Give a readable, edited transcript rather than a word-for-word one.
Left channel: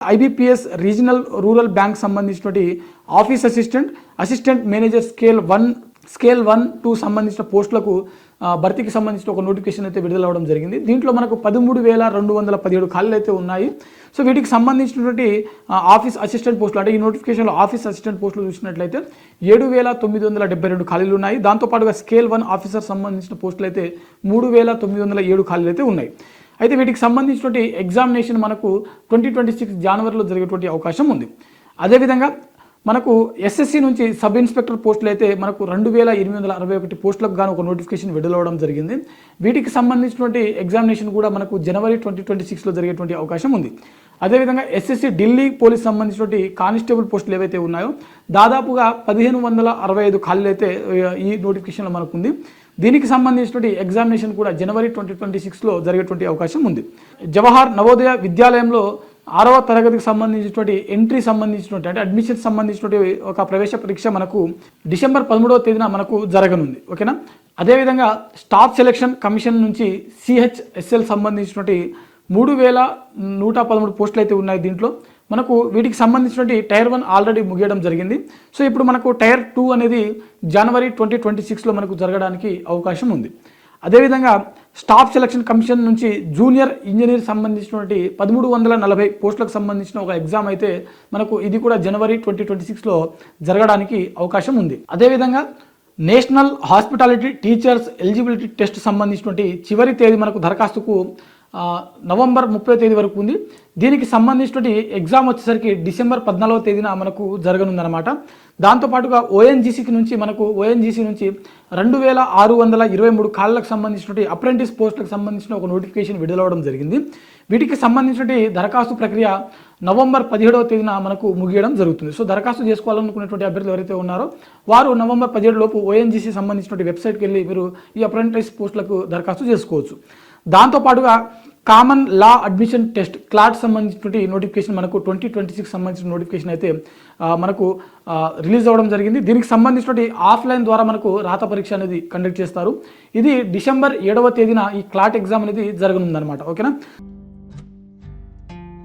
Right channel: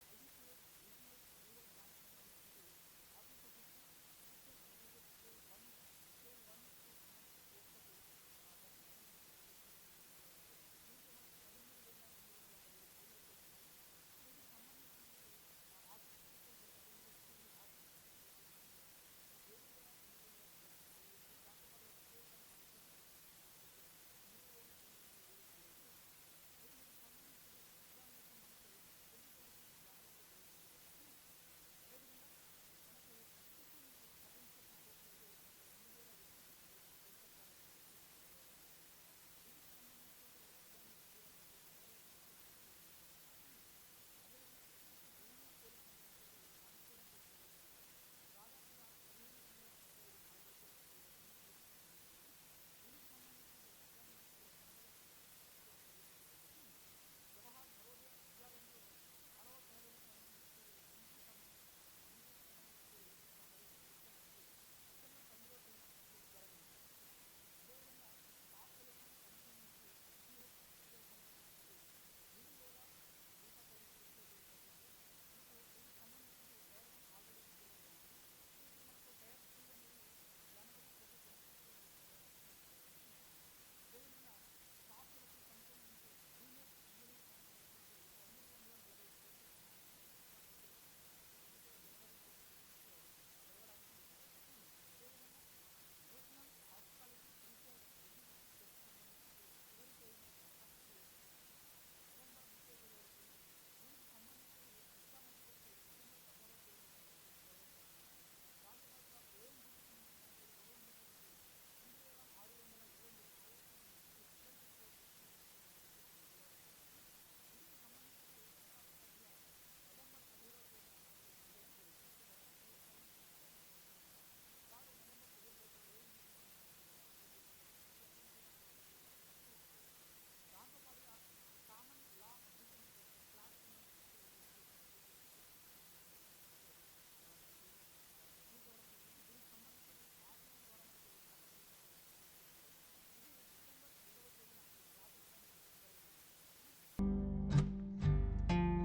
IBPS regional rural bank సంబంధించినటువంటి office assistant manager scale 1 సంబంధించిన పోస్టులకు భర్తీకి సంబంధించిన ఒక నోటిఫికేషన్ అయితే విడుదల అవ్వడం జరిగింది. దీంట్లో మనకు 13,217 ఖాళీలు అయితే ఉన్నాయి. సో వీటికి సంబంధించినటువంటి ఆఫీస్ అసిస్టెంట్ పోస్టులు, అంటే ఈ నోటిఫికేషన్లో ఆఫీస్ అసిస్టెంట్ పోస్టులు చూసినట్లయితే 7,972 ఖాళీలు ఉన్నాయి. దాంతోపాటుగా స్కేల్ 1 ఆఫీసర్ సంబంధించిన పోస్టులు అయితే 3,907 ఖాళీలు అయితే ఉన్నాయి. అయితే వీటికి సంబంధించినటువంటి ఎగ్జామినేషన్ మనకు 2026 జనవరిలో జరిగేటువంటి అవకాశం ఉంది. అదేవిధంగా మనకు ఎస్ఎస్సి నుంచి సబ్ ఇన్స్పెక్టర్ పోస్టులు అయితే మనకు 2,861 పోస్టులకు గాను ఒక నోటిఫికేషన్ విడుదలవడం జరిగింది. వీటికి సంబంధించినటువంటి ఎగ్జామినేషన్ కూడా మనకు జనవరి 2026లో జరిగేటువంటి అవకాశం ఉంది. అదేవిధంగా ఎస్ఎస్సి ఢిల్లీ పోలీస్ సంబంధించినటువంటి కానిస్టేబుల్ పోస్టులు ఏవైతే ఉన్నాయో దాదాపుగా 1,565 ఖాళీలు అయితే ఈ నోటిఫికేషన్లో మనకు ఉంది. దీనికి సంబంధించినటువంటి ఎగ్జామినేషన్ కూడా జనవరి 2026లో జరిగేటువంటి అవకాశం ఉంది. జవహర్ నవోదయ విద్యాలయంలో 6వ తరగతికి సంబంధించినటువంటి ఎంట్రీ సంబంధించినటువంటి అంటే అడ్మిషన్ సంబంధించినటువంటి ఒక ప్రవేశ పరీక్ష మనకు డిసెంబర్ 13వ తేదీన మనకు జరగనుంది. ఓకేనా. అదేవిధంగా స్టాఫ్ సెలక్షన్ కమిషన్ నుంచి సిహెచ్ఎస్ఎల్ సంబంధించినటువంటి 3,113 పోస్టులు అయితే ఉన్నాయి. దీంట్లో మనకు వీటికి సంబంధించినటువంటి టైర్ 1 ఆల్రెడీ ముగియడం జరిగింది. సో ఇప్పుడు మనకు టైర్ 2 అనేది జనవరి 2026లో మనకు జరగడానికి అవకాశం ఉంది. అదేవిధంగా స్టాఫ్ సెలక్షన్ కమిషన్ నుంచి జూనియర్ ఇంజనీర్ సంబంధించినటువంటి 1,340 పోస్టులకు సంబంధించిన ఒక ఎగ్జామ్ అయితే మనకు ఇది కూడా జనవరి 2026లో జరగడానికి అవకాశం ఉంది. అదేవిధంగా national hospitality teachers eligibility test సంబంధించినటువంటి చివరి తేదీ మనకు దరఖాస్తుకు నవంబర్ 30వ తేదీ వరకు ఉంది. దీనికి సంబంధించినటువంటి ఎగ్జామ్ వచ్చేసరికి డిసెంబర్ 14వ తేదీన మనకు జరగనుందనమాట. దాంతోపాటుగా ఓఎన్జీసీ నుంచి 2,623 ఖాళీలకు సంబంధించినటువంటి అప్రెంటిస్ పోస్టులకు సంబంధించిన ఒక నోటిఫికేషన్ విడుదలవడం జరిగింది. వీటికి సంబంధించినటువంటి దరఖాస్తు ప్రక్రియ నవంబర్ 17వ తేదీన మనకు ముగియడం జరుగుతుంది. సో దరఖాస్తు చేసుకోవాలనుకునేటువంటి అభ్యర్థులు ఎవరైతే ఉన్నారో వారు నవంబర్ 17 లోపు ఓఎన్జీసీ సంబంధించినటువంటి వెబ్సైట్కి వెళ్ళి మీరు ఈ అప్రెంటిస్ పోస్టులకు దరఖాస్తు చేసుకోవచ్చు. దాంతోపాటుగా కామన్ లా అడ్మిషన్ టెస్ట్ క్లాట్ సంబంధించినటువంటి నోటిఫికేషన్ మనకు 2026 సంబంధించిన నోటిఫికేషన్ అయితే మనకు రిలీజ్ అవ్వడం జరిగింది. దీనికి సంబంధించినటువంటి ఆఫ్లైన్ ద్వారా మనకు రాత పరీక్ష అనేది కండక్ట్ చేస్తారు. ఇది డిసెంబర్ 7వ తేదీన ఈ క్లాట్ ఎగ్జామ్ అనేది జరగనుందనమాట. ఓకేనా.